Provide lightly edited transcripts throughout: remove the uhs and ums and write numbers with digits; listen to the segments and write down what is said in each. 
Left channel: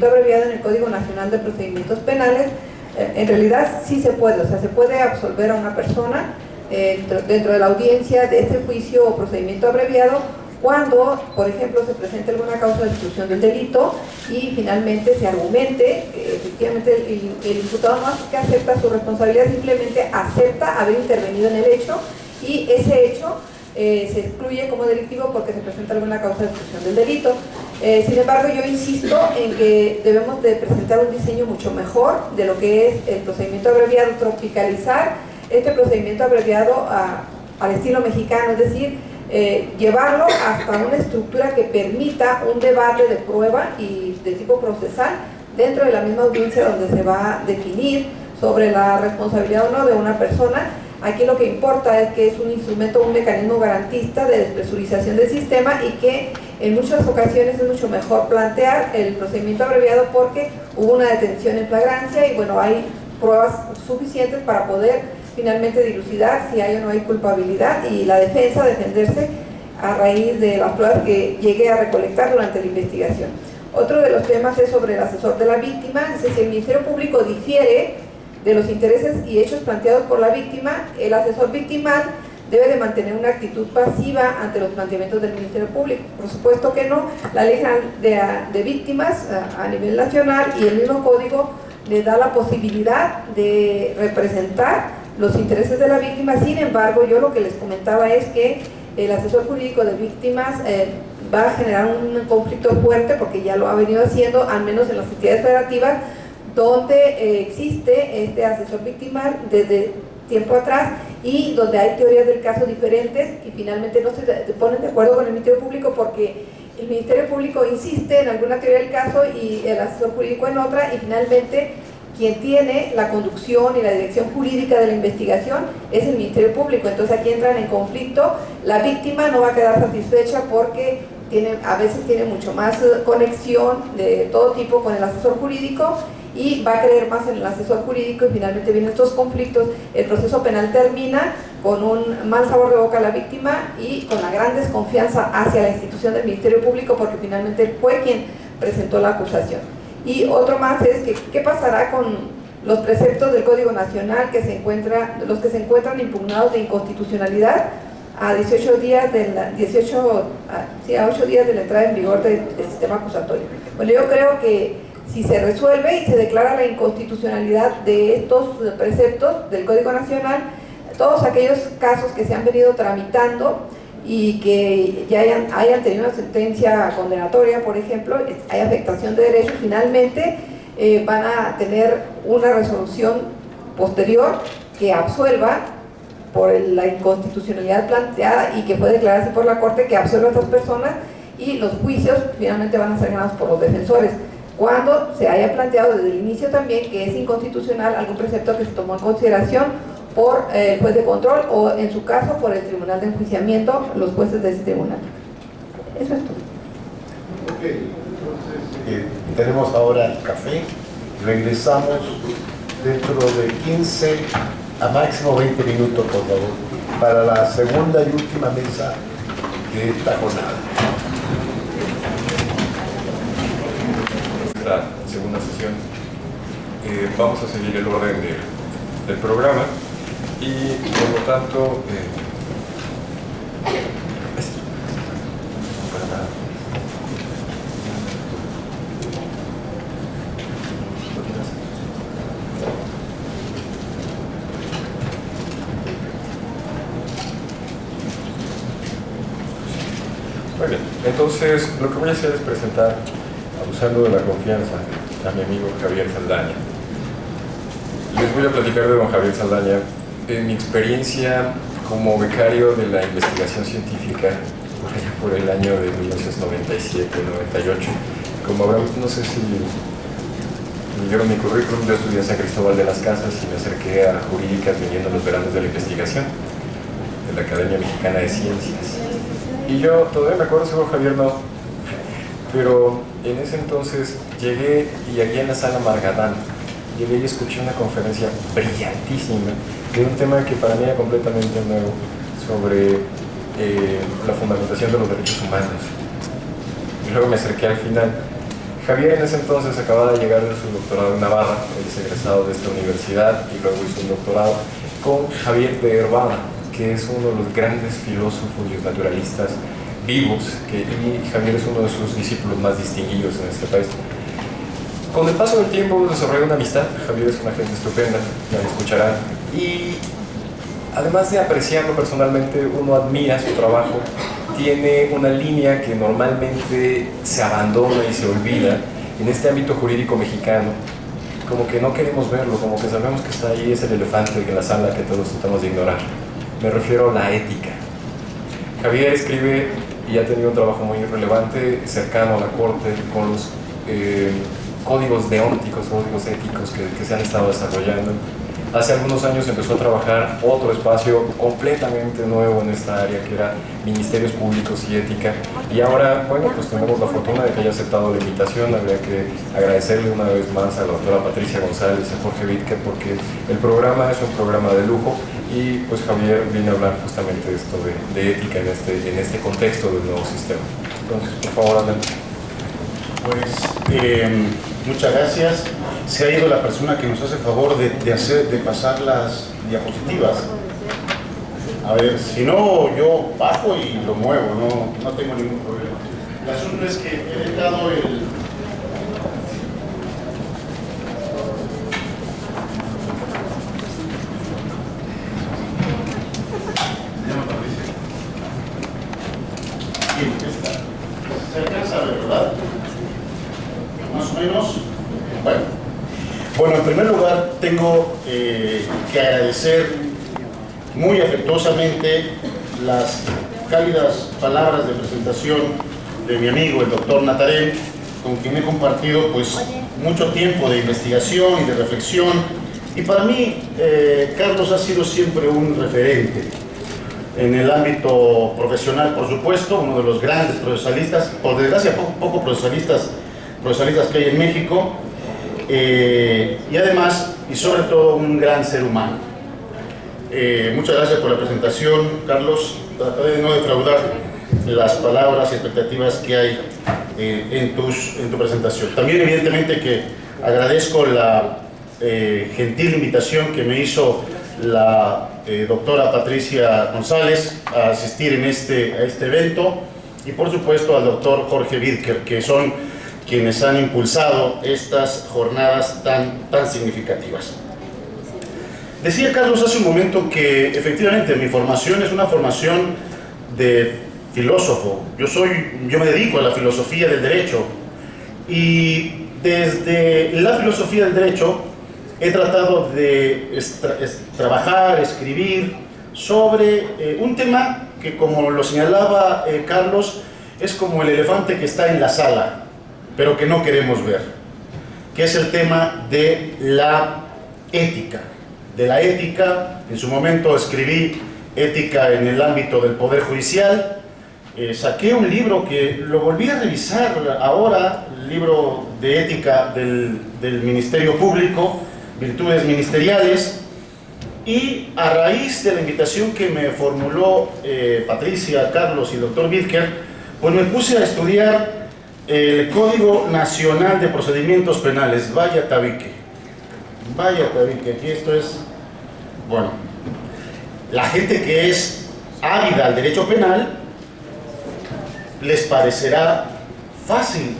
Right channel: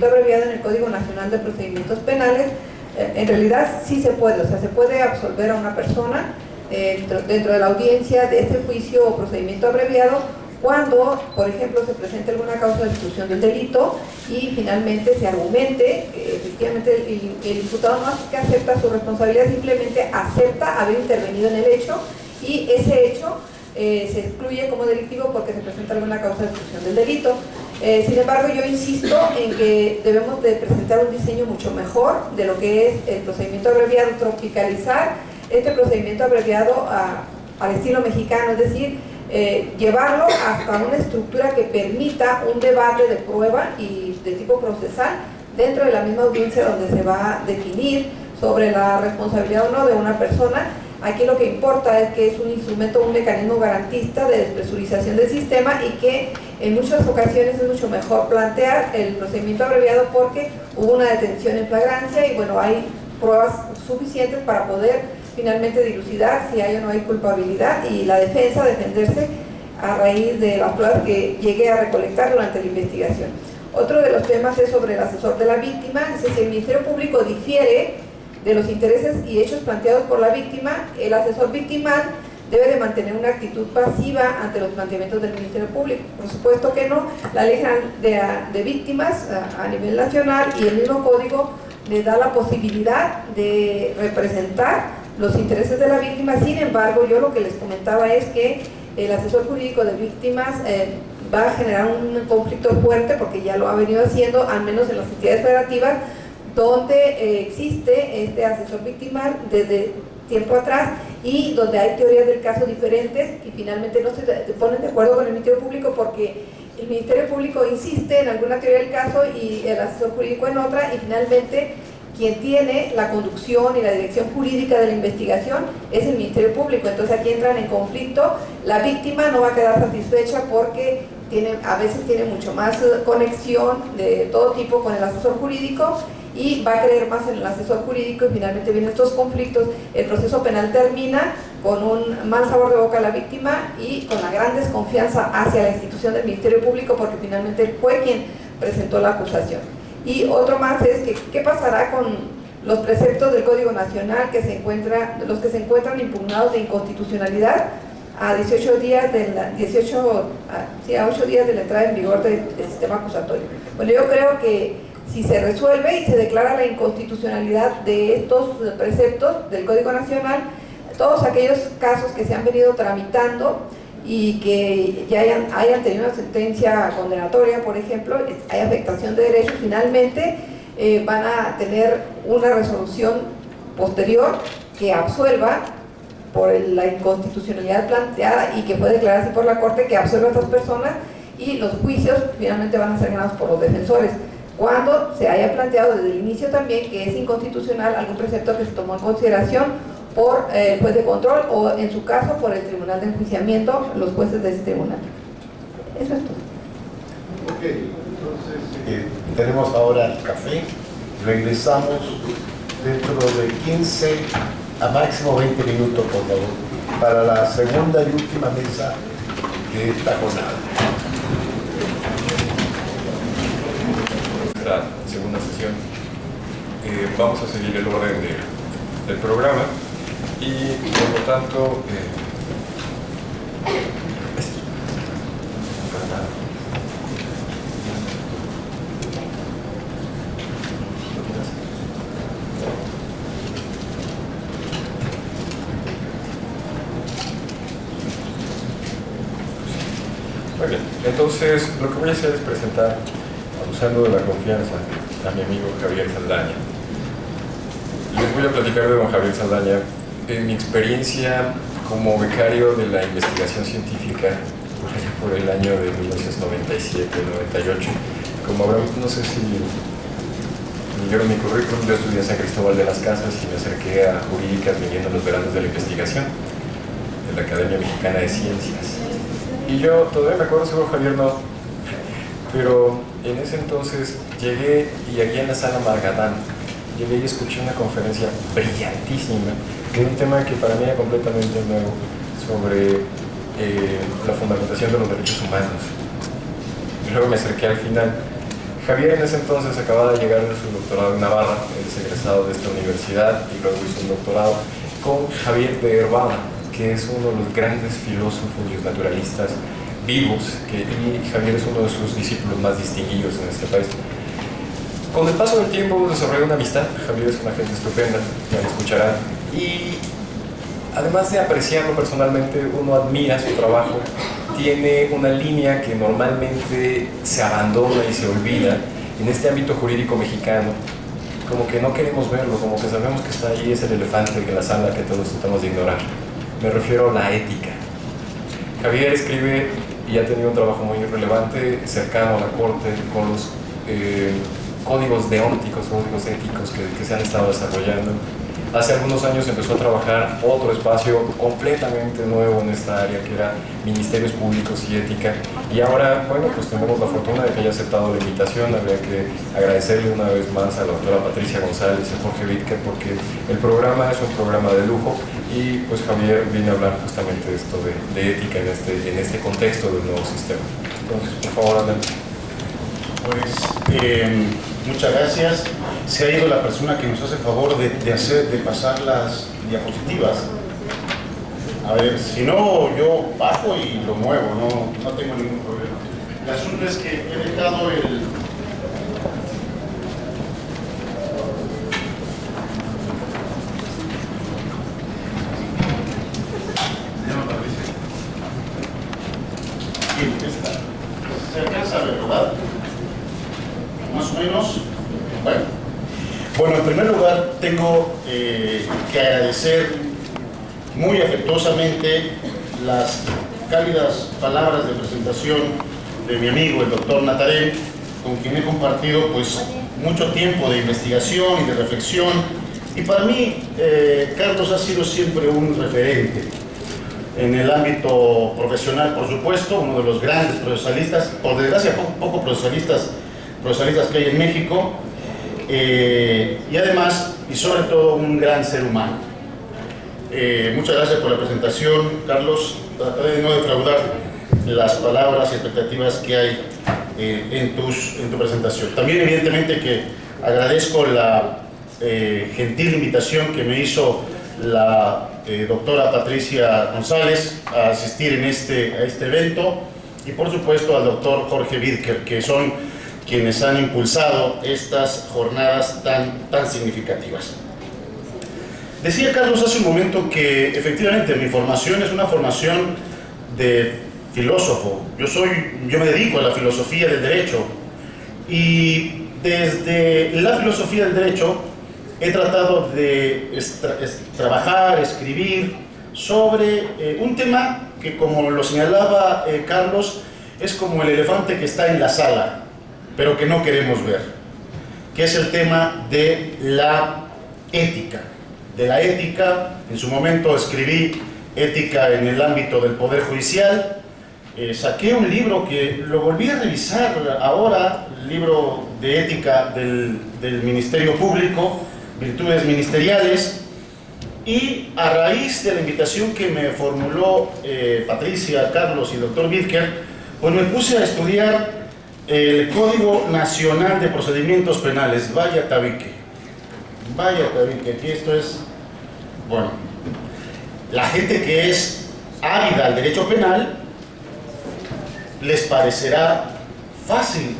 procedimiento abreviado en el Código Nacional de Procedimientos Penales, en realidad sí se puede, o sea, se puede absolver a una persona dentro de la audiencia de este juicio o procedimiento abreviado cuando, por ejemplo, se presente alguna causa de exclusión del delito y finalmente se argumente que efectivamente el imputado no hace que acepta su responsabilidad, simplemente acepta haber intervenido en el hecho y ese hecho se excluye como delictivo porque se presenta alguna causa de exclusión del delito. Sin embargo, yo insisto en que debemos de presentar un diseño mucho mejor de lo que es el procedimiento abreviado, tropicalizar este procedimiento abreviado al estilo mexicano, es decir, llevarlo hasta una estructura que permita un debate de prueba y de tipo procesal dentro de la misma audiencia donde se va a definir sobre la responsabilidad o no de una persona. Aquí lo que importa es que es un instrumento, un mecanismo garantista de despresurización del sistema y que en muchas ocasiones es mucho mejor plantear el procedimiento abreviado porque hubo una detención en flagrancia y bueno, hay pruebas suficientes para poder finalmente dilucidar si hay o no hay culpabilidad y la defensa defenderse a raíz de las pruebas que llegue a recolectar durante la investigación. Otro de los temas es sobre el asesor de la víctima. Dice, si el Ministerio Público difiere de los intereses y hechos planteados por la víctima, el asesor victimal debe de mantener una actitud pasiva ante los planteamientos del Ministerio Público. Por supuesto que no. La Ley General de Víctimas a nivel nacional y el mismo código le da la posibilidad de representar los intereses de la víctima. Sin embargo, yo lo que les comentaba es que el asesor jurídico de víctimas va a generar un conflicto fuerte, porque ya lo ha venido haciendo, al menos en las entidades federativas, donde existe este asesor victimal desde tiempo atrás y donde hay teorías del caso diferentes y finalmente no se ponen de acuerdo con el Ministerio Público porque el Ministerio Público insiste en alguna teoría del caso y el asesor jurídico en otra y finalmente quien tiene la conducción y la dirección jurídica de la investigación es el Ministerio Público. Entonces aquí entran en conflicto, la víctima no va a quedar satisfecha porque a veces tiene mucho más conexión de todo tipo con el asesor jurídico y va a creer más en el asesor jurídico y finalmente vienen estos conflictos. El proceso penal termina con un mal sabor de boca a la víctima y con la gran desconfianza hacia la institución del Ministerio Público porque finalmente fue quien presentó la acusación. Y otro más es que ¿qué pasará con los preceptos del Código Nacional que los que se encuentran impugnados de inconstitucionalidad a 8 días de la entrada en vigor del sistema acusatorio? Bueno, yo creo que si se resuelve y se declara la inconstitucionalidad de estos preceptos del Código Nacional, todos aquellos casos que se han venido tramitando y que ya hayan tenido una sentencia condenatoria, por ejemplo, hay afectación de derechos, finalmente van a tener una resolución posterior que absuelva por la inconstitucionalidad planteada y que puede declararse por la Corte que absuelva a estas personas y los juicios finalmente van a ser ganados por los defensores. Cuando se haya planteado desde el inicio también que es inconstitucional algún precepto que se tomó en consideración por el juez de control o en su caso por el tribunal de enjuiciamiento, los jueces de ese tribunal. Eso es todo. Ok, entonces tenemos ahora el café, regresamos dentro de 15 a máximo 20 minutos por favor, para la segunda y última mesa de esta jornada. La segunda sesión vamos a seguir el orden del programa y por lo tanto muy bien, entonces lo que voy a hacer es presentar, abusando de la confianza, a mi amigo Javier Saldaña. Les voy a platicar de don Javier Saldaña en mi experiencia como becario de la investigación científica por el año de 1997-98. Como habrán, no sé si leyeron mi currículum, yo estudié en San Cristóbal de las Casas y me acerqué a jurídicas viniendo en los veranos de la investigación de la Academia Mexicana de Ciencias. Y yo todavía me acuerdo, seguro Javier no, pero en ese entonces llegué y allí en la sala Margadán llegué y escuché una conferencia brillantísima de un tema que para mí era completamente nuevo sobre la fundamentación de los derechos humanos. Y luego me acerqué al final Javier en ese entonces acababa de llegar de su doctorado en Navarra, él es egresado de esta universidad y luego hizo un doctorado con Javier de Herbada, que es uno de los grandes filósofos y naturalistas vivos, y Javier es uno de sus discípulos más distinguidos en este país. Con el paso del tiempo desarrolló una amistad. Javier es una gente estupenda, ya lo escucharán, y además de apreciarlo personalmente, uno admira su trabajo. Tiene una línea que normalmente se abandona y se olvida en este ámbito jurídico mexicano, como que no queremos verlo, como que sabemos que está ahí, es el elefante en la sala que todos tratamos de ignorar. Me refiero a la ética. Javier escribe y ha tenido un trabajo muy relevante, cercano a la corte, con los códigos deónticos, códigos éticos que se han estado desarrollando. Hace algunos años empezó a trabajar otro espacio completamente nuevo en esta área, que era Ministerios Públicos y Ética. Y ahora, bueno, pues tenemos la fortuna de que haya aceptado la invitación. Habría que agradecerle una vez más a la doctora Patricia González y a Jorge Vidker, porque el programa es un programa de lujo. Y pues Javier viene a hablar justamente de esto de ética en este contexto del nuevo sistema. Entonces, por favor, adelante. Pues muchas gracias. Se ha ido la persona que nos hace favor de pasar las diapositivas. A ver, si no, yo bajo y lo muevo, no tengo ningún problema. El asunto es que he dejado el... Bien, está. Se alcanza a ver, ¿verdad? Más o menos. Bueno, en primer lugar tengo que agradecer muy afectuosamente las cálidas palabras de presentación de mi amigo, el doctor Natarén, con quien he compartido pues mucho tiempo de investigación y de reflexión. Y para mí, Carlos ha sido siempre un referente en el ámbito profesional, por supuesto, uno de los grandes procesalistas, por desgracia poco procesalistas que hay en México, y además, y sobre todo, un gran ser humano. Muchas gracias por la presentación, Carlos. Trataré de no defraudar las palabras y expectativas que hay en tu presentación. También, evidentemente, que agradezco la gentil invitación que me hizo la doctora Patricia González a asistir a este evento, y por supuesto al doctor Jorge Vidker, que son quienes han impulsado estas jornadas tan significativas. Decía Carlos hace un momento que efectivamente mi formación es una formación de filósofo. Yo me dedico a la filosofía del derecho, y desde la filosofía del derecho he tratado de trabajar, escribir sobre un tema que, como lo señalaba Carlos, es como el elefante que está en la sala, pero que no queremos ver, que es el tema de la ética. De la ética, en su momento escribí Ética en el ámbito del Poder Judicial, saqué un libro que lo volví a revisar ahora, el libro de ética del Ministerio Público, Virtudes Ministeriales, y a raíz de la invitación que me formuló Patricia, Carlos y el doctor Vidker, pues me puse a estudiar el Código Nacional de Procedimientos Penales. Vaya tabique, aquí esto es, bueno, la gente que es ávida al derecho penal les parecerá fácil,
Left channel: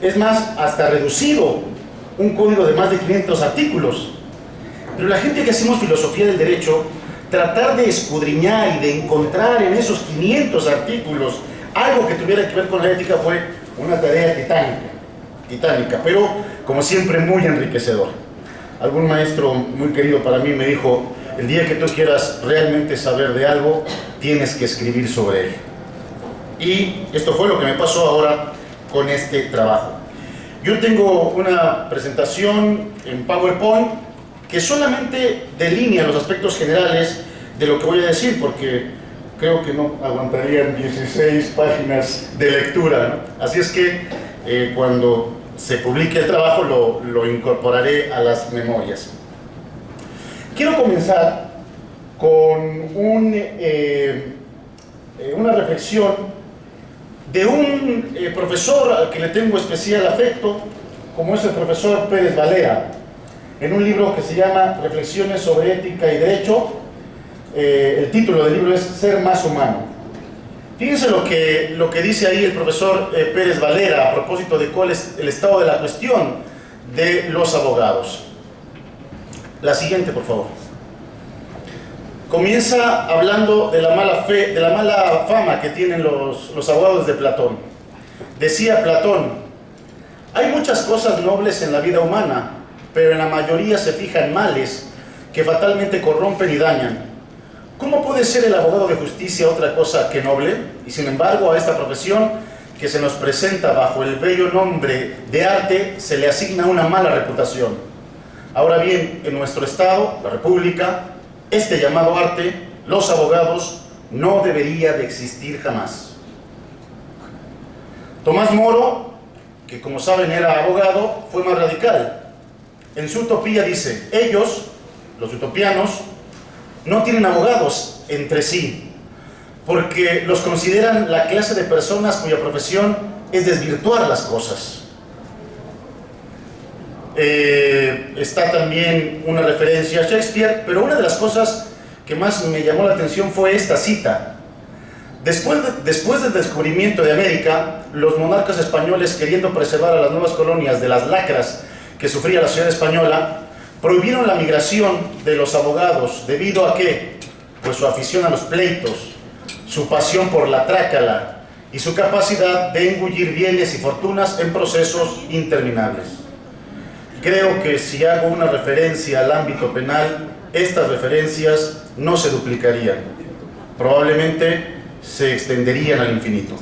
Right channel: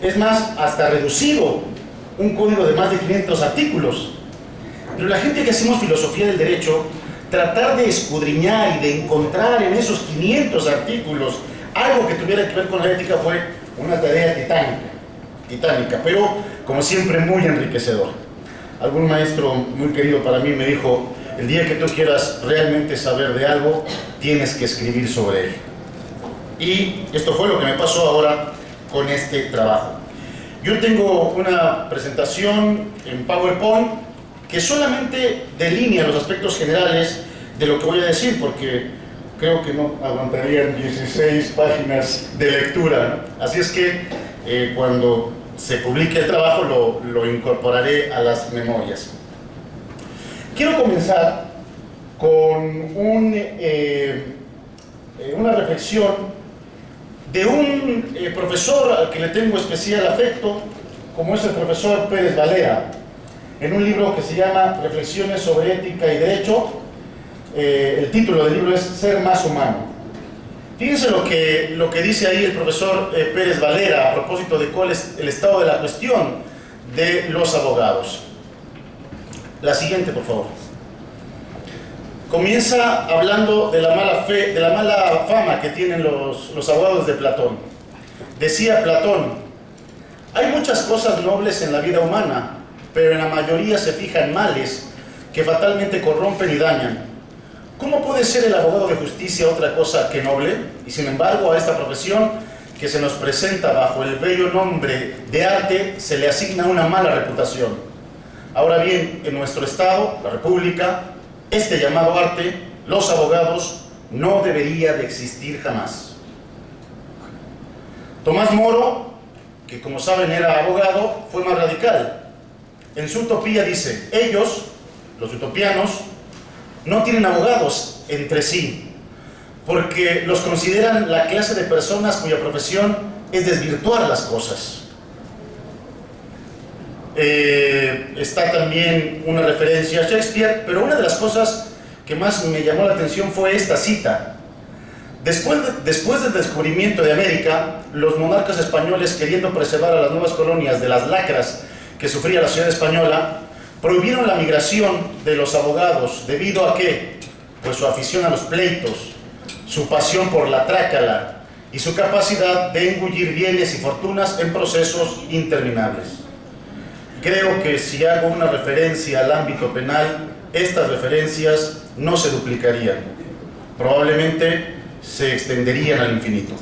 es más, hasta reducido, un código de más de 500 artículos, pero la gente que hacemos filosofía del derecho, tratar de escudriñar y de encontrar en esos 500 artículos algo que tuviera que ver con la ética fue una tarea titánica, pero como siempre muy enriquecedora. Algún maestro muy querido para mí me dijo: el día que tú quieras realmente saber de algo, tienes que escribir sobre él. Y esto fue lo que me pasó ahora con este trabajo. Yo tengo una presentación en PowerPoint que solamente delinea los aspectos generales de lo que voy a decir, porque creo que no aguantarían 16 páginas de lectura, ¿no? Así es que cuando se publique el trabajo lo incorporaré a las memorias. Quiero comenzar con una reflexión de un profesor al que le tengo especial afecto, como es el profesor Pérez Valera, en un libro que se llama Reflexiones sobre ética y derecho. El título del libro es Ser más humano. Fíjense lo que dice ahí el profesor Pérez Valera a propósito de cuál es el estado de la cuestión de los abogados. La siguiente, por favor. Comienza hablando de la mala fe, de la mala fama que tienen los abogados de Platón. Decía Platón: hay muchas cosas nobles en la vida humana, pero en la mayoría se fijan males que fatalmente corrompen y dañan. ¿Cómo puede ser el abogado de justicia otra cosa que noble? Y sin embargo, a esta profesión que se nos presenta bajo el bello nombre de arte se le asigna una mala reputación. Ahora bien, en nuestro Estado, la República, este llamado arte, los abogados, no debería de existir jamás. Tomás Moro, que como saben era abogado, fue más radical. En su utopía dice: ellos, los utopianos, no tienen abogados entre sí, porque los consideran la clase de personas cuya profesión es desvirtuar las cosas. Está también una referencia a Shakespeare, pero una de las cosas que más me llamó la atención fue esta cita. Después del descubrimiento de América, los monarcas españoles, queriendo preservar a las nuevas colonias de las lacras que sufría la ciudad española, prohibieron la migración de los abogados. ¿Debido a qué? Pues su afición a los pleitos, su pasión por la trácala y su capacidad de engullir bienes y fortunas en procesos interminables. Creo que si hago una referencia al ámbito penal, estas referencias no se duplicarían. Probablemente se extenderían al infinito.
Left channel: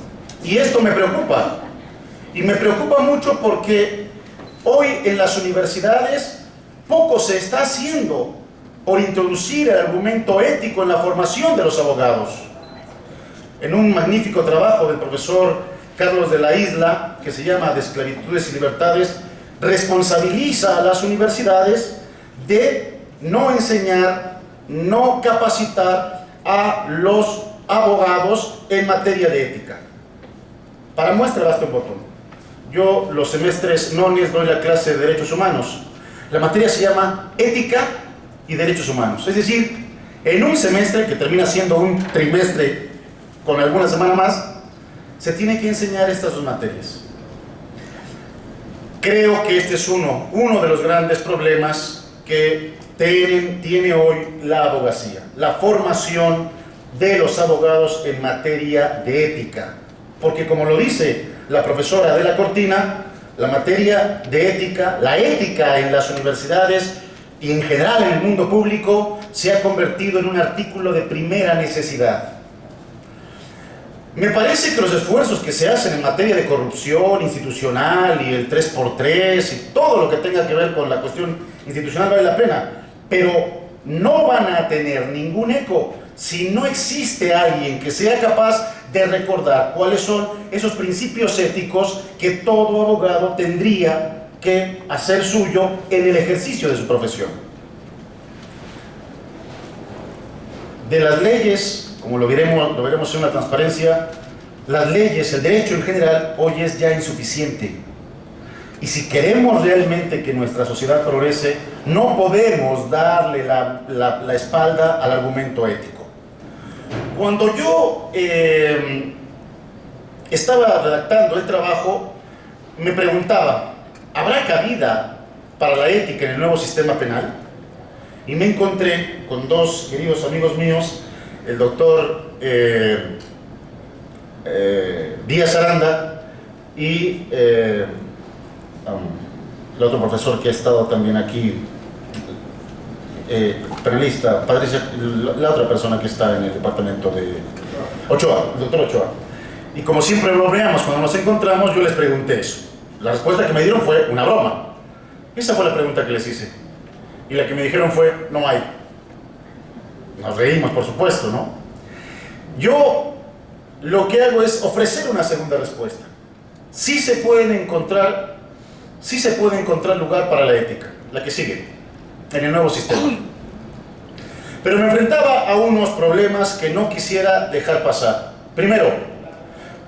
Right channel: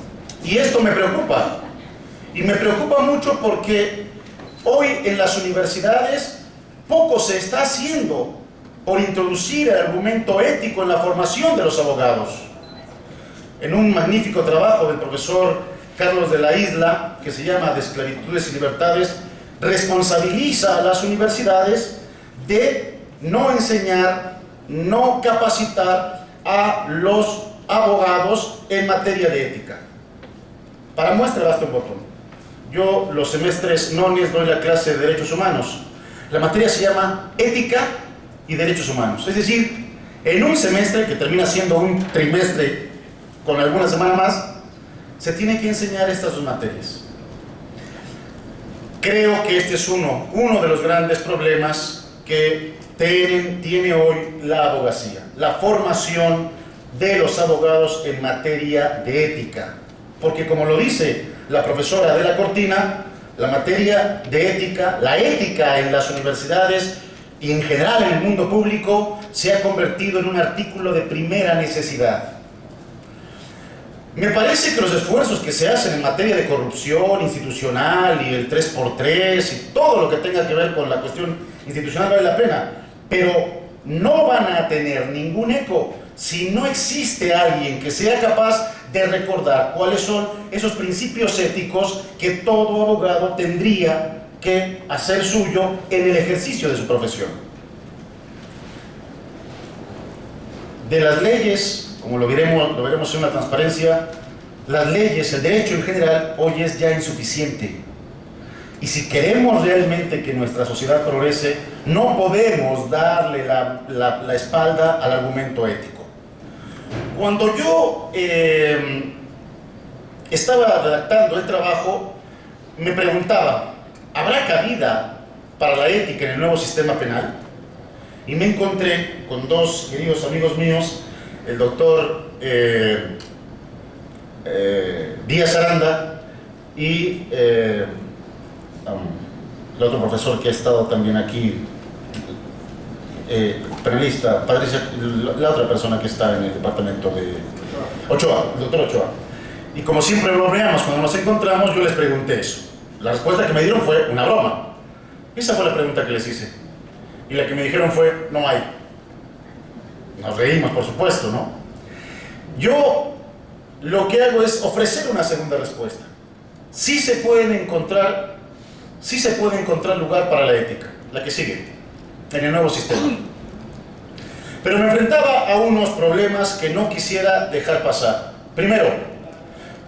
Y esto me preocupa. Y me preocupa mucho porque hoy en las universidades poco se está haciendo por introducir el argumento ético en la formación de los abogados. En un magnífico trabajo del profesor Carlos de la Isla, que se llama De esclavitudes y libertades, responsabiliza a las universidades de no enseñar, no capacitar a los abogados en materia de ética. Para muestra basta un botón. Yo los semestres nones doy la clase de derechos humanos. La materia se llama ética y derechos humanos. Es decir, en un semestre, que termina siendo un trimestre con alguna semana más, se tiene que enseñar estas dos materias. Creo que este es uno de los grandes problemas que tiene hoy la abogacía, la formación de los abogados en materia de ética. Porque como lo dice la profesora de la Cortina, la materia de ética, la ética en las universidades y en general en el mundo público se ha convertido en un artículo de primera necesidad. Me parece que los esfuerzos que se hacen en materia de corrupción institucional y el 3x3 y todo lo que tenga que ver con la cuestión institucional vale la pena, pero no van a tener ningún eco si no existe alguien que sea capaz de recordar cuáles son esos principios éticos que todo abogado tendría que hacer suyo en el ejercicio de su profesión. De las leyes, como lo veremos en una transparencia, las leyes, el derecho en general, hoy es ya insuficiente. Y si queremos realmente que nuestra sociedad progrese, no podemos darle la espalda al argumento ético. Cuando yo estaba redactando el trabajo, me preguntaba, ¿habrá cabida para la ética en el nuevo sistema penal? Y me encontré con dos queridos amigos míos, el doctor Díaz Aranda y el otro profesor que ha estado también aquí, penalista, Patricia, la otra persona que está en el departamento de Ochoa, el doctor Ochoa. Y como siempre bromeamos cuando nos encontramos, yo les pregunté eso. La respuesta que me dieron fue una broma. Esa fue la pregunta que les hice. Y la que me dijeron fue, no hay. Nos reímos, por supuesto, ¿no? Yo lo que hago es ofrecer una segunda respuesta. Sí se puede encontrar lugar para la ética, la que sigue, en el nuevo sistema. Pero me enfrentaba a unos problemas que no quisiera dejar pasar. Primero,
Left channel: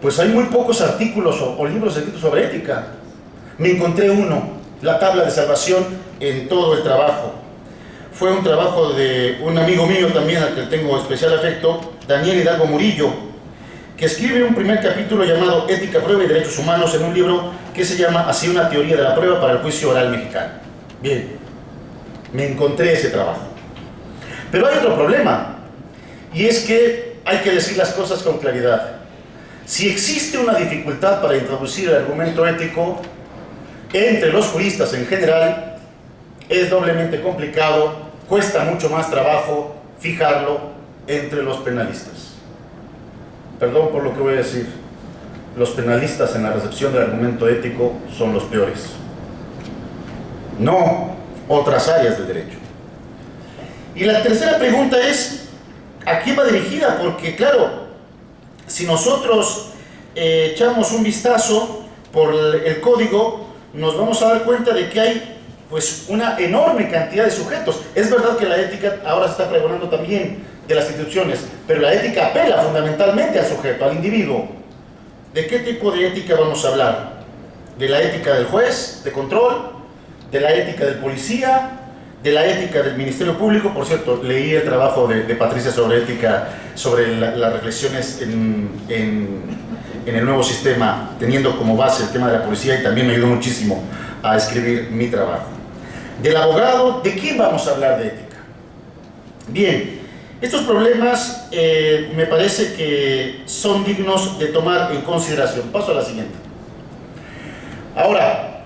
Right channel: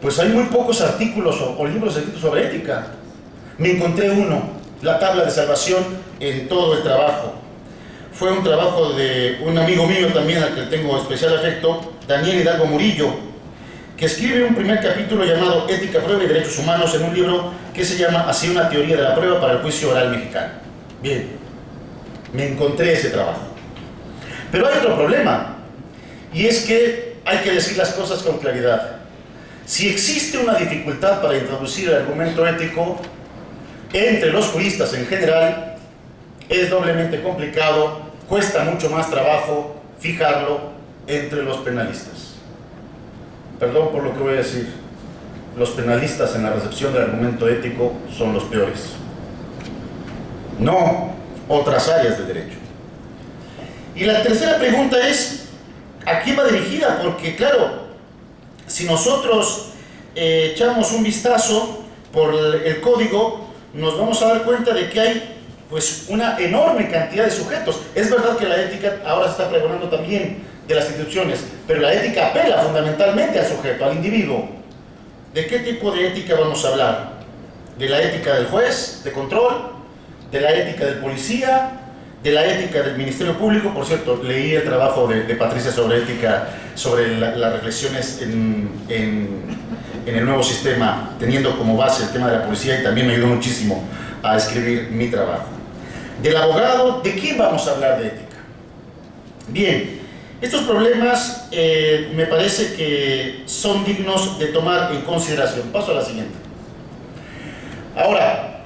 pues hay muy pocos artículos o libros escritos sobre ética. Me encontré uno, La tabla de salvación en todo el trabajo. Fue un trabajo de un amigo mío también, al que tengo especial afecto, Daniel Hidalgo Murillo, que escribe un primer capítulo llamado Ética, Prueba y Derechos Humanos en un libro que se llama Así una teoría de la prueba para el juicio oral mexicano. Bien, me encontré ese trabajo. Pero hay otro problema, y es que hay que decir las cosas con claridad. Si existe una dificultad para introducir el argumento ético entre los juristas en general, es doblemente complicado, cuesta mucho más trabajo fijarlo entre los penalistas. Perdón por lo que voy a decir, los penalistas en la recepción del argumento ético son los peores, no otras áreas del derecho. Y la tercera pregunta es, ¿a quién va dirigida? Porque claro, si nosotros echamos un vistazo por el código, nos vamos a dar cuenta de que hay pues una enorme cantidad de sujetos. Es verdad que la ética ahora se está pregonando también de las instituciones, pero la ética apela fundamentalmente al sujeto, al individuo. ¿De qué tipo de ética vamos a hablar? ¿De la ética del juez de control? ¿De la ética del policía? ¿De la ética del Ministerio Público? Por cierto, leí el trabajo de Patricia sobre ética, sobre las reflexiones en el nuevo sistema, teniendo como base el tema de la policía, y también me ayudó muchísimo a escribir mi trabajo. Del abogado, ¿de quién vamos a hablar de ética? Bien, estos problemas me parece que son dignos de tomar en consideración. Paso a la siguiente. Ahora,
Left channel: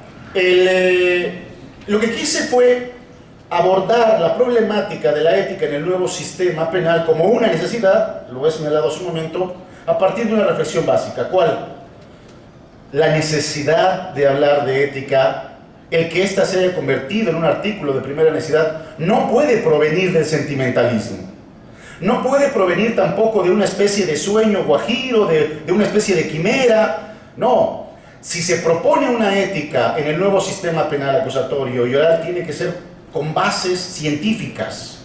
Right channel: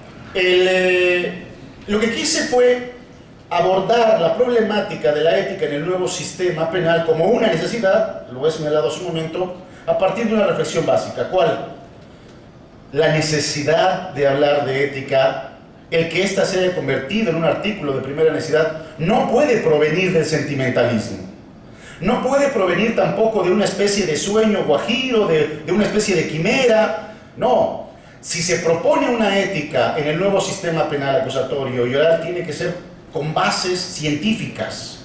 lo que quise fue abordar la problemática de la ética en el nuevo sistema penal como una necesidad, lo he señalado hace un momento, a partir de una reflexión básica. ¿Cuál? La necesidad de hablar de ética, el que ésta se haya convertido en un artículo de primera necesidad, no puede provenir del sentimentalismo. No puede provenir tampoco de una especie de sueño guajiro, de una especie de quimera. No. Si se propone una ética en el nuevo sistema penal acusatorio y oral, tiene que ser con bases científicas.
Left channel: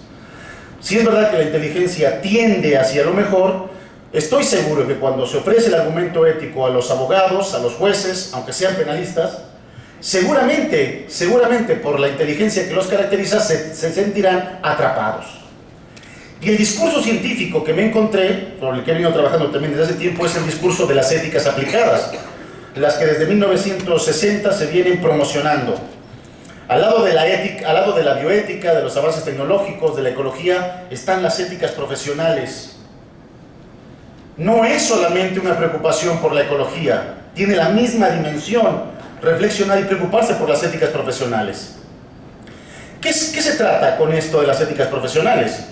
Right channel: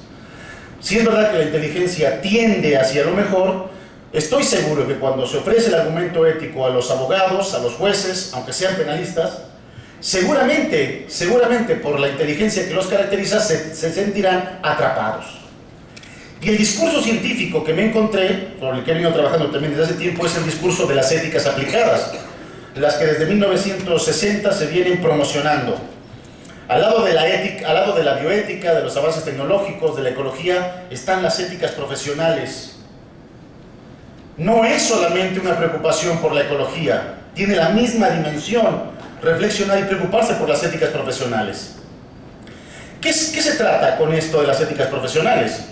Si es verdad que la inteligencia tiende hacia lo mejor, estoy seguro que cuando se ofrece el argumento ético a los abogados, a los jueces, aunque sean penalistas, seguramente por la inteligencia que los caracteriza, se sentirán atrapados. Y el discurso científico que me encontré, por el que he venido trabajando también desde hace tiempo, es el discurso de las éticas aplicadas, las que desde 1960 se vienen promocionando. Al lado de la ética, al lado de la bioética, de los avances tecnológicos, de la ecología, están las éticas profesionales. No es solamente una preocupación por la ecología, tiene la misma dimensión reflexionar y preocuparse por las éticas profesionales. ¿Qué se trata con esto de las éticas profesionales?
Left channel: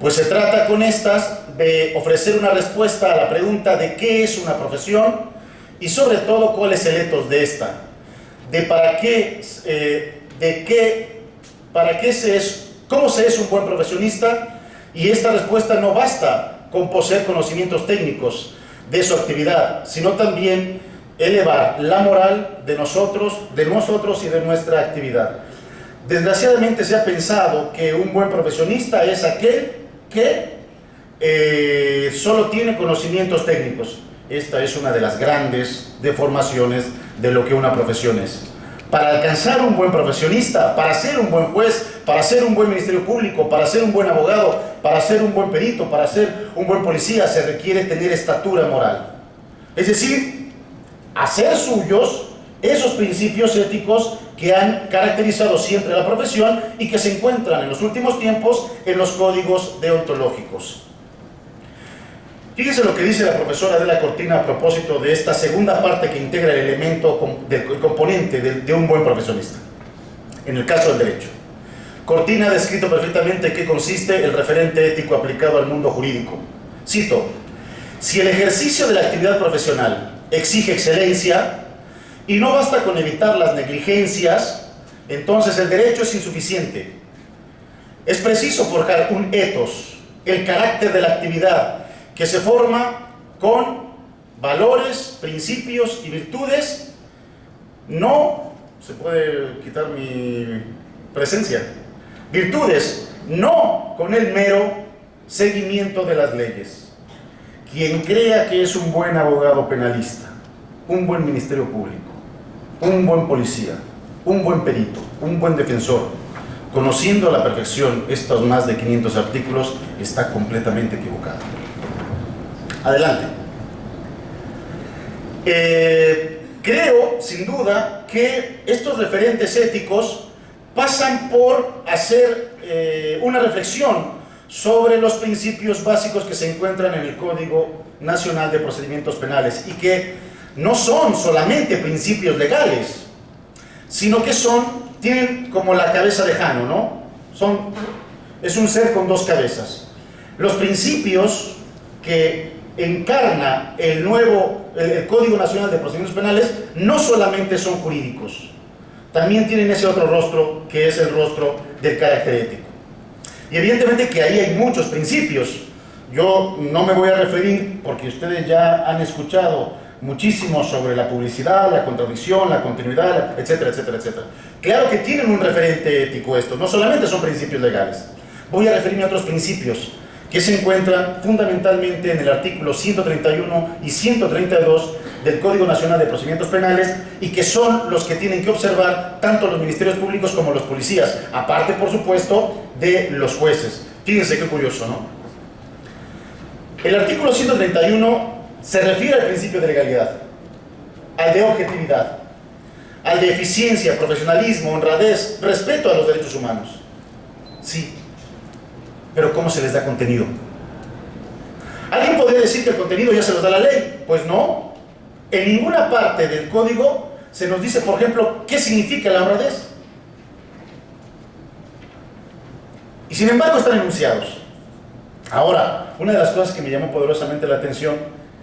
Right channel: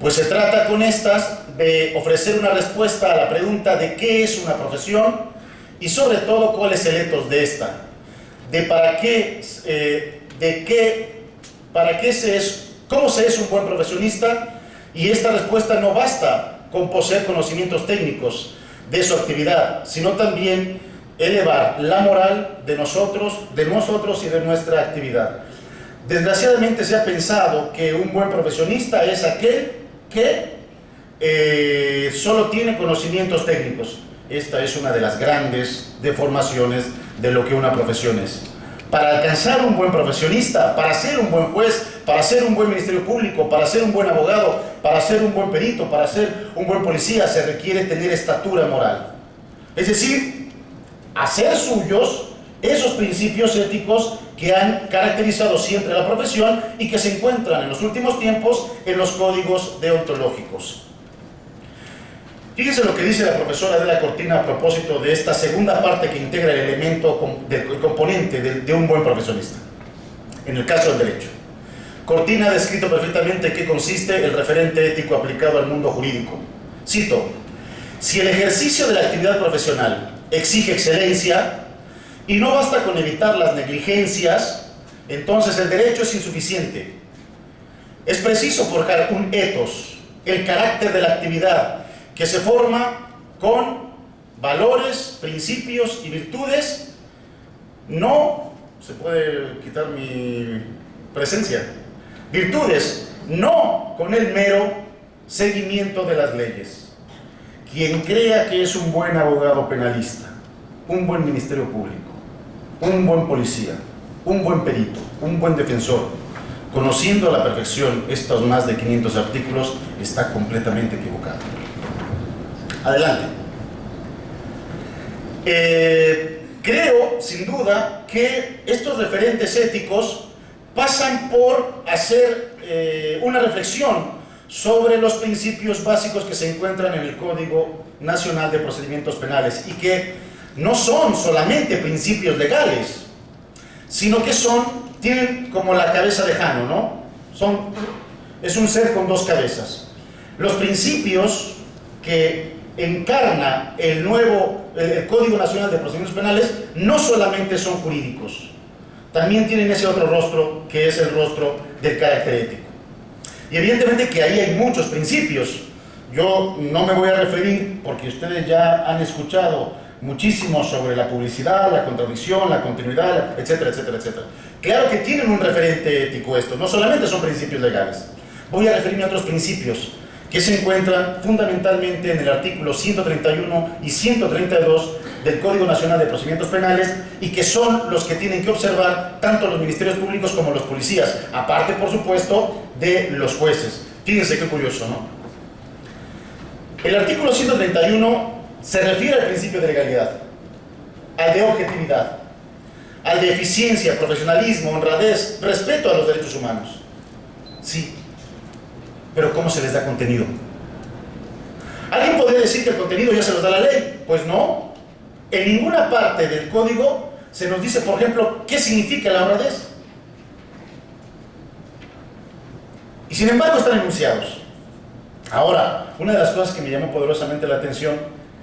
Pues se trata con estas de ofrecer una respuesta a la pregunta de qué es una profesión y sobre todo cuál es el ethos de esta, de cómo se es un buen profesionista, y esta respuesta no basta con poseer conocimientos técnicos de su actividad, sino también elevar la moral de nosotros y de nuestra actividad. Desgraciadamente se ha pensado que un buen profesionista es aquel que solo tiene conocimientos técnicos. Esta es una de las grandes deformaciones de lo que una profesión es. Para alcanzar un buen profesionista, para ser un buen juez, para ser un buen ministerio público, para ser un buen abogado, para ser un buen perito, para ser un buen policía, se requiere tener estatura moral. Es decir, hacer suyos esos principios éticos que han caracterizado siempre a la profesión y que se encuentran en los últimos tiempos en los códigos deontológicos. Fíjense lo que dice la profesora Adela Cortina a propósito de esta segunda parte que integra el elemento, el componente de un buen profesionista, en el caso del derecho. Cortina ha descrito perfectamente qué consiste el referente ético aplicado al mundo jurídico. Cito: si el ejercicio de la actividad profesional exige excelencia y no basta con evitar las negligencias, entonces el derecho es insuficiente. Es preciso forjar un ethos, el carácter de la actividad, que se forma con valores, principios y virtudes. No se puede quitar mi presencia. Virtudes, no con el mero seguimiento de las leyes. quien crea que es un buen abogado penalista, un buen ministerio público, un buen policía, un buen perito, un buen defensor, conociendo a la perfección estos más de 500 artículos, está completamente equivocado. Adelante. Creo, sin duda, que estos referentes éticos pasan por hacer una reflexión sobre los principios básicos que se encuentran en el Código Nacional de Procedimientos Penales y que no son solamente principios legales, sino que tienen como la cabeza de Jano, ¿no? Es un ser con dos cabezas. Los principios que encarna el Código Nacional de Procedimientos Penales no solamente son jurídicos, también tienen ese otro rostro que es el rostro del carácter ético. Y evidentemente que ahí hay muchos principios. Yo no me voy a referir, porque ustedes ya han escuchado muchísimo sobre la publicidad, la contradicción, la continuidad, etcétera, etcétera, etcétera. Claro que tienen un referente ético esto, no solamente son principios legales. Voy a referirme a otros principios que se encuentran fundamentalmente en el artículo 131 y 132 del Código Nacional de Procedimientos Penales y que son los que tienen que observar tanto los ministerios públicos como los policías, aparte, por supuesto, de los jueces. Fíjense qué curioso, ¿no? El artículo 131 se refiere al principio de legalidad, al de objetividad, al de eficiencia, profesionalismo, honradez, respeto a los derechos humanos. Sí, pero ¿cómo se les da contenido? ¿Alguien podría decir que el contenido ya se los da la ley? Pues no. En ninguna parte del código se nos dice, por ejemplo, qué significa la honradez. Y sin embargo están enunciados. Ahora, una de las cosas que me llamó poderosamente la atención,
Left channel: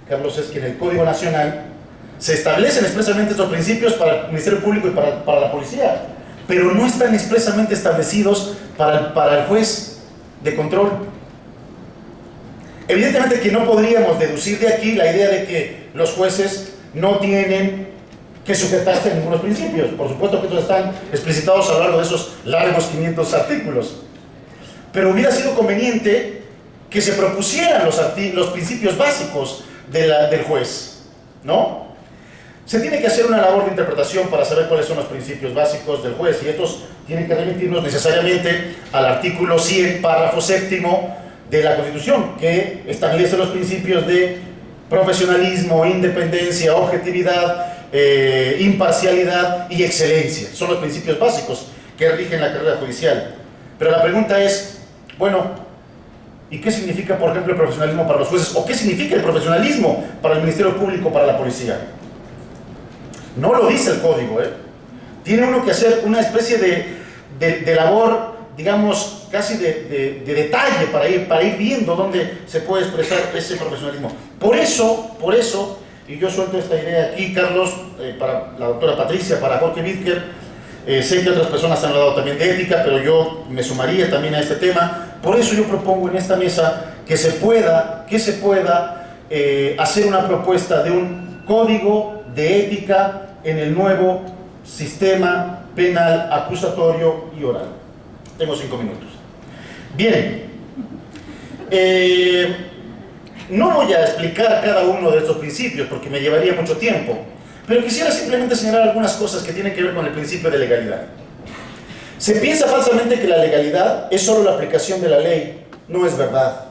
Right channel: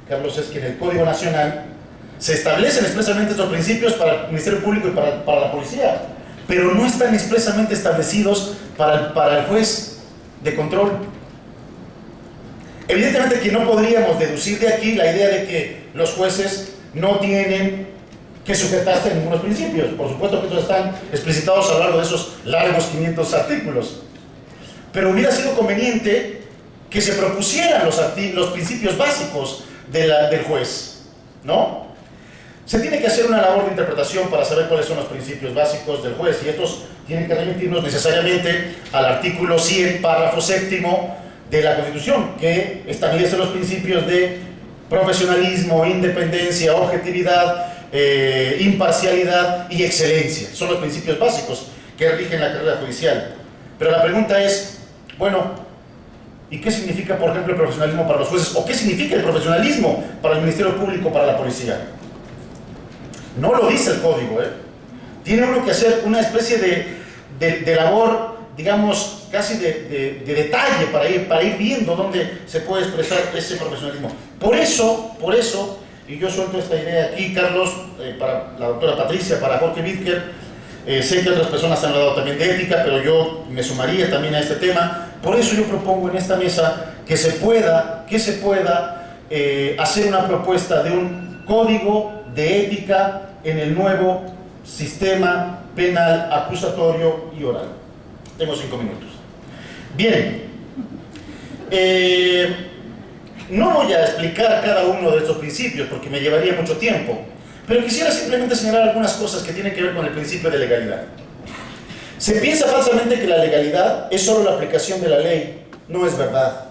Carlos, es que en el Código Nacional se establecen expresamente estos principios para el Ministerio Público y para la policía, pero no están expresamente establecidos para el juez de control. Evidentemente que no podríamos deducir de aquí la idea de que los jueces no tienen que sujetarse a ningunos principios. Por supuesto que estos están explicitados a lo largo de esos largos 500 artículos. Pero hubiera sido conveniente que se propusieran los principios básicos del juez, ¿no? Se tiene que hacer una labor de interpretación para saber cuáles son los principios básicos del juez, y estos tienen que remitirnos necesariamente al artículo 100, párrafo séptimo de la Constitución, que establece los principios de profesionalismo, independencia, objetividad, imparcialidad y excelencia. Son los principios básicos que rigen la carrera judicial. Pero la pregunta es, bueno, ¿y qué significa, por ejemplo, el profesionalismo para los jueces? ¿O qué significa el profesionalismo para el Ministerio Público, para la policía? No lo dice el código, ¿eh? Tiene uno que hacer una especie de labor, digamos, casi de detalle para ir viendo dónde se puede expresar ese profesionalismo. Por eso, y yo suelto esta idea aquí, Carlos, para la doctora Patricia, para Jorge Vídker, sé que otras personas han hablado también de ética, pero yo me sumaría también a este tema. Por eso yo propongo en esta mesa que se pueda hacer una propuesta de un código de ética en el nuevo sistema penal acusatorio y oral. Tengo 5 minutos. Bien, no voy a explicar cada uno de estos principios porque me llevaría mucho tiempo, pero quisiera simplemente señalar algunas cosas que tienen que ver con el principio de legalidad. Se piensa falsamente que la legalidad es solo la aplicación de la ley. No es verdad.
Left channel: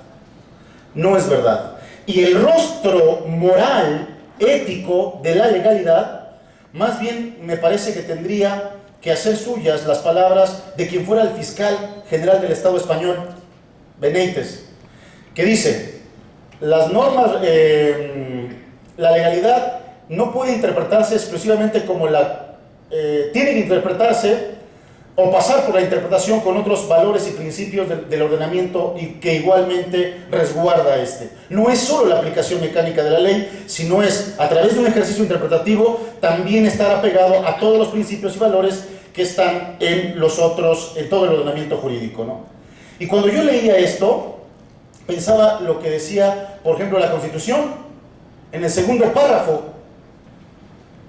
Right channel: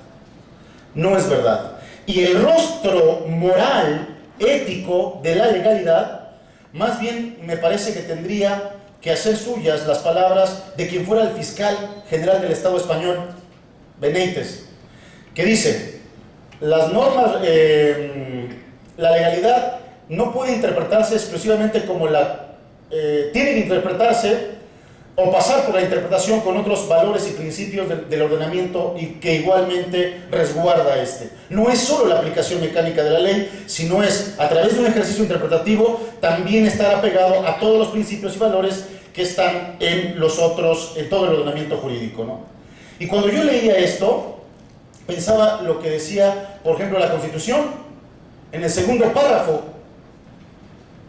No es verdad. Y el rostro moral, ético de la legalidad, más bien me parece que tendría que hacer suyas las palabras de quien fuera el fiscal general del Estado español, Benítez, que dice: las normas, la legalidad no puede interpretarse exclusivamente como tiene que interpretarse o pasar por la interpretación con otros valores y principios del ordenamiento y que igualmente resguarda este. No es solo la aplicación mecánica de la ley, sino es, a través de un ejercicio interpretativo, también estar apegado a todos los principios y valores que están en todo el ordenamiento jurídico, ¿no? Y cuando yo leía esto, pensaba lo que decía, por ejemplo, la Constitución, en el segundo párrafo:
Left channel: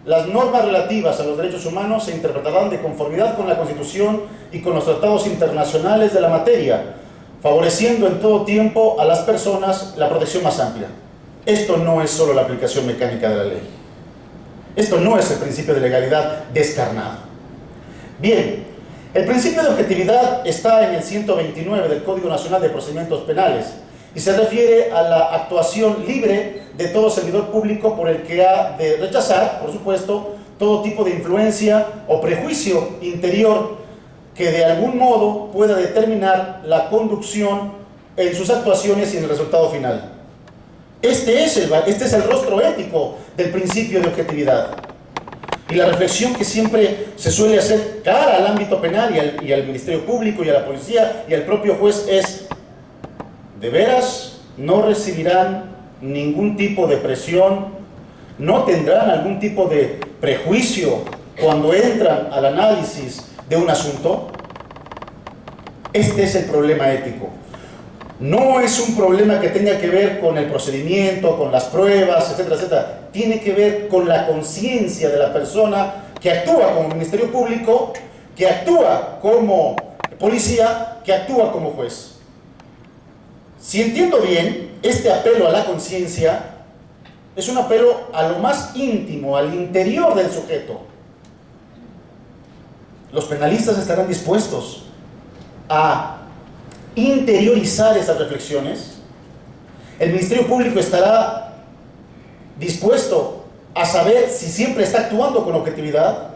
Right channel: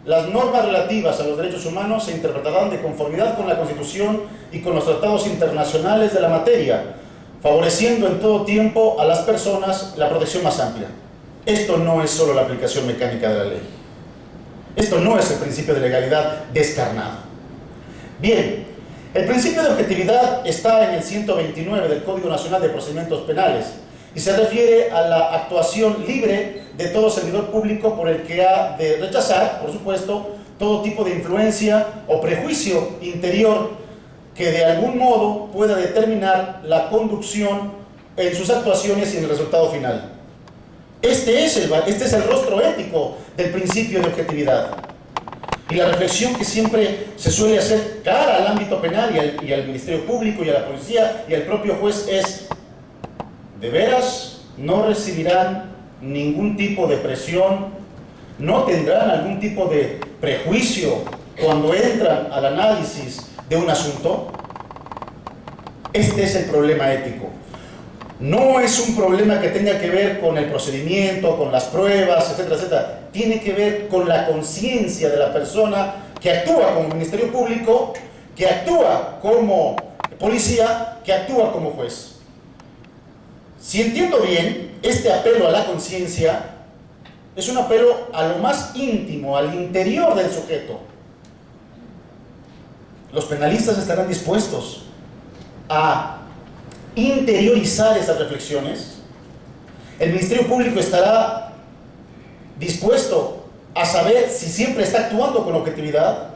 las normas relativas a los derechos humanos se interpretarán de conformidad con la Constitución y con los tratados internacionales de la materia, favoreciendo en todo tiempo a las personas la protección más amplia. esto no es solo la aplicación mecánica de la ley. Esto no es el principio de legalidad descarnado. Bien, el principio de objetividad está en el 129 del Código Nacional de Procedimientos Penales y se refiere a la actuación libre de todo servidor público por el que ha de rechazar, por supuesto, todo tipo de influencia o prejuicio interior que de algún modo pueda determinar la conducción en sus actuaciones y en el resultado final. Este es el rostro ético del principio de objetividad. Y la reflexión que siempre se suele hacer cara al ámbito penal y al Ministerio Público y a la policía y al propio juez es: ¿de veras no recibirán ningún tipo de presión? ¿No tendrán algún tipo de prejuicio cuando entran al análisis de un asunto? Este es el problema ético. No es un problema que tenga que ver con el procedimiento, con las pruebas, etcétera, etcétera. Tiene que ver con la conciencia de la persona que actúa como Ministerio Público, que actúa como policía, que actúa como juez. Si entiendo bien, este apelo a la conciencia es un apelo a lo más íntimo, al interior del sujeto. Los penalistas estarán dispuestos a interiorizar esas reflexiones. El Ministerio Público estará dispuesto a saber si siempre está actuando con objetividad,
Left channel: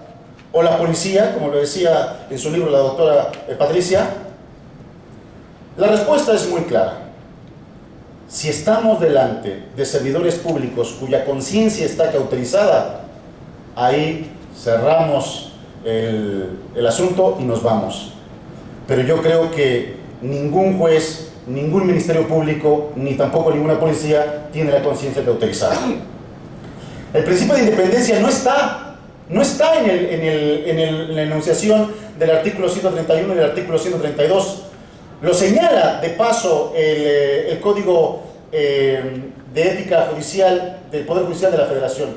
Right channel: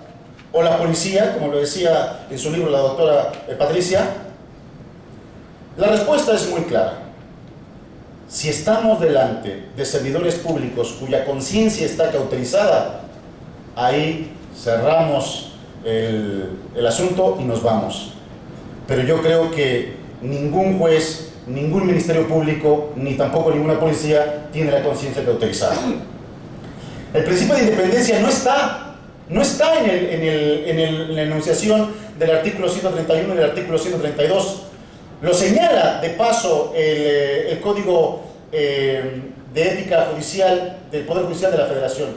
o la policía, como lo decía en su libro la doctora Patricia. La respuesta es muy clara. Si estamos delante de servidores públicos cuya conciencia está cauterizada, ahí cerramos el asunto y nos vamos. Pero yo creo que ningún juez, ningún Ministerio Público, ni tampoco ninguna policía tiene la conciencia cauterizada. El principio de independencia no está en la enunciación del artículo 131 y del artículo 132. Lo señala de paso el Código de Ética Judicial del Poder Judicial de la Federación.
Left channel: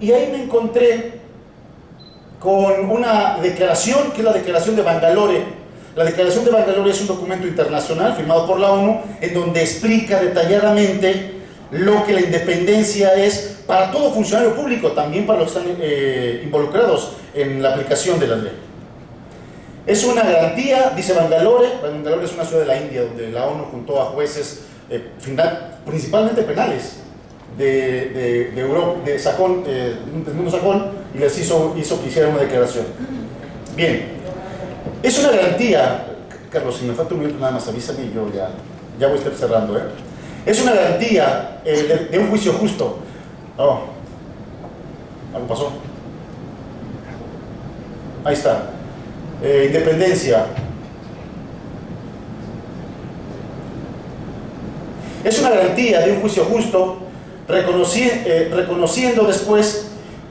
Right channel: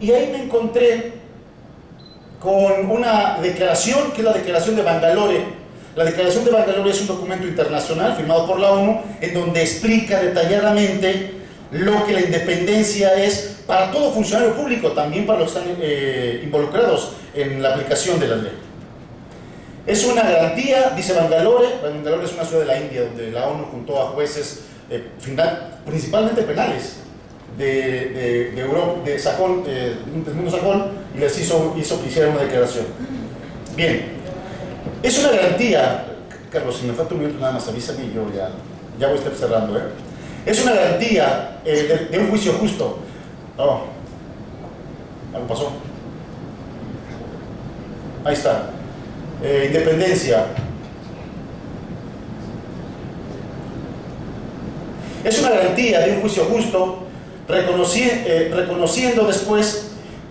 Y ahí me encontré con una declaración que es la Declaración de Bangalore. La Declaración de Bangalore es un documento internacional firmado por la ONU en donde explica detalladamente lo que la independencia es para todo funcionario público, también para los que están involucrados en la aplicación de la ley. Es una garantía, dice Bangalore. Bangalore es una ciudad de la India donde la ONU juntó a jueces principalmente penales de Europa, del mundo sajón, y les hizo que hicieran una declaración. Bien. Es una garantía, Carlos, si me falta un minuto nada más, avísame y yo ya voy a estar cerrando. Es una garantía de un juicio justo. Oh, algo pasó. Ahí está. Independencia. Es una garantía de un juicio justo, reconociendo después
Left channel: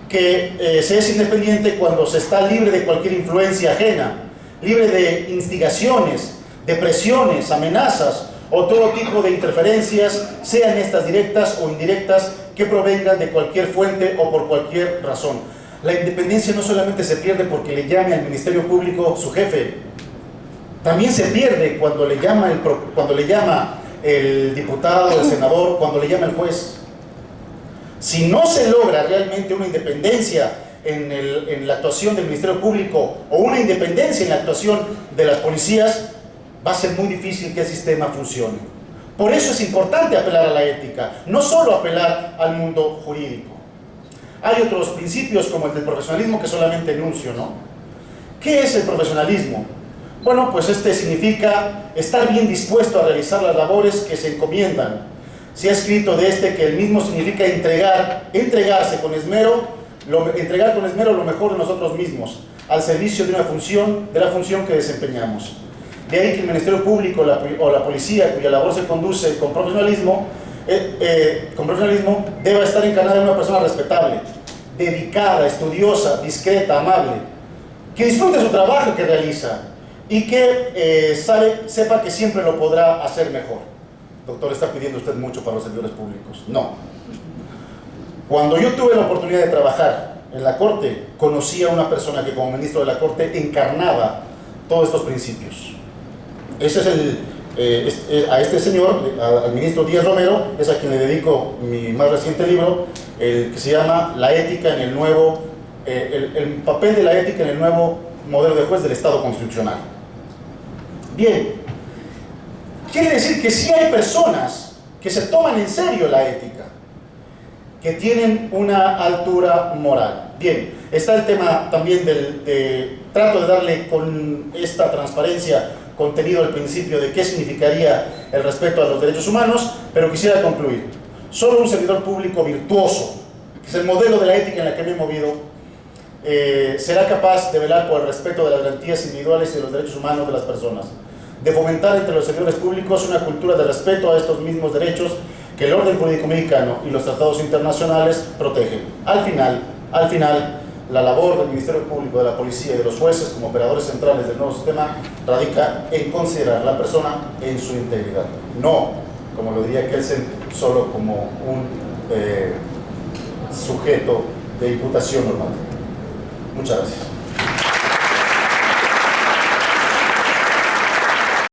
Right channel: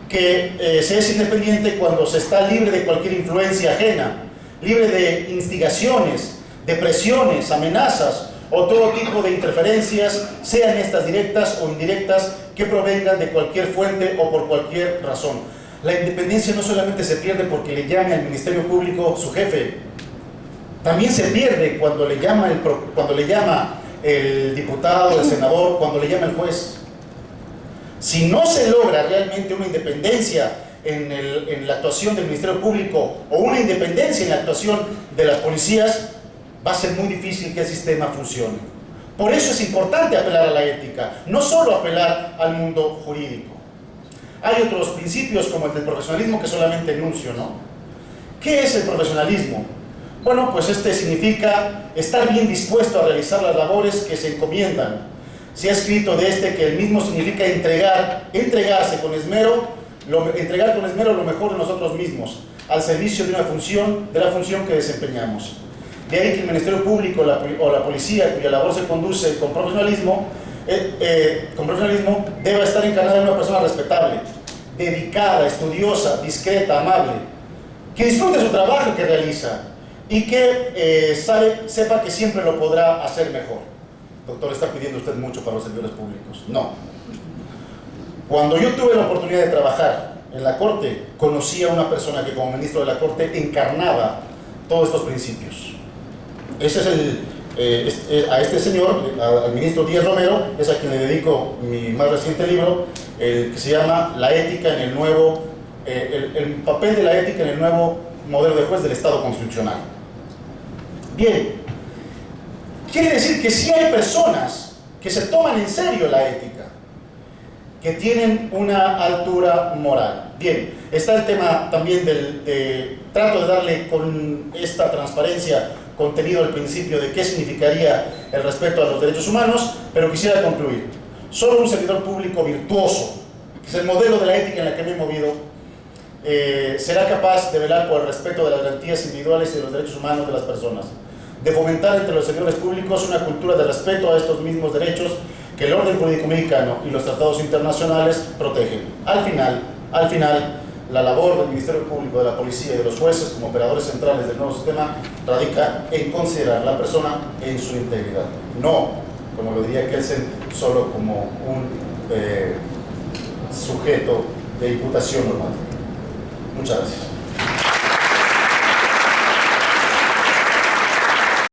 que se es independiente cuando se está libre de cualquier influencia ajena, libre de instigaciones, de presiones, amenazas o todo tipo de interferencias, sean estas directas o indirectas, que provengan de cualquier fuente o por cualquier razón. La independencia no solamente se pierde porque le llame al Ministerio Público su jefe, también se pierde cuando le llama el diputado, el senador, cuando le llama el juez. Si no se logra realmente una independencia en la actuación del Ministerio Público o una independencia en la actuación de las policías, va a ser muy difícil que el sistema funcione. Por eso es importante apelar a la ética, no solo apelar al mundo jurídico. Hay otros principios como el del profesionalismo que solamente enuncio, ¿no? ¿Qué es el profesionalismo? Bueno, pues este significa estar bien dispuesto a realizar las labores que se encomiendan. Se ha escrito de que el mismo significa entregarse con esmero, entregar con esmero lo mejor de nosotros mismos, al servicio de la función que desempeñamos. De ahí que el Ministerio Público o la policía, cuya labor se conduce con profesionalismo, debe estar encarnada en una persona respetable, dedicada, estudiosa, discreta, amable, que disfrute su trabajo que realiza y que sepa que siempre lo podrá hacer mejor. Doctor, ¿está pidiendo usted mucho para los servidores públicos? No. Cuando yo tuve la oportunidad de trabajar en la Corte, conocí a una persona que como ministro de la Corte encarnaba todos estos principios. Ese es a este señor, al ministro Díaz Romero, es a quien le dedico mi más reciente libro, que se llama La ética en el nuevo, el papel de la ética en el nuevo modelo de juez del Estado constitucional. Bien, quiere decir que sí hay personas que se toman en serio la ética, que tienen una altura moral. Bien, está el tema también trato de darle con esta transparencia contenido al principio de qué significaría el respeto a los derechos humanos, pero quisiera concluir. Solo un servidor público virtuoso, que es el modelo de la ética en la que me he movido, será capaz de velar por el respeto de las garantías individuales y de los derechos humanos de las personas, de fomentar entre los servidores públicos una cultura de respeto a estos mismos derechos que el orden jurídico mexicano y los tratados internacionales protegen. Al final, la labor del Ministerio Público, de la Policía y de los jueces como operadores centrales del nuevo sistema radica en considerar a la persona en su integridad. No, como lo diría Kelsen, solo como un sujeto de imputación normal. Muchas gracias.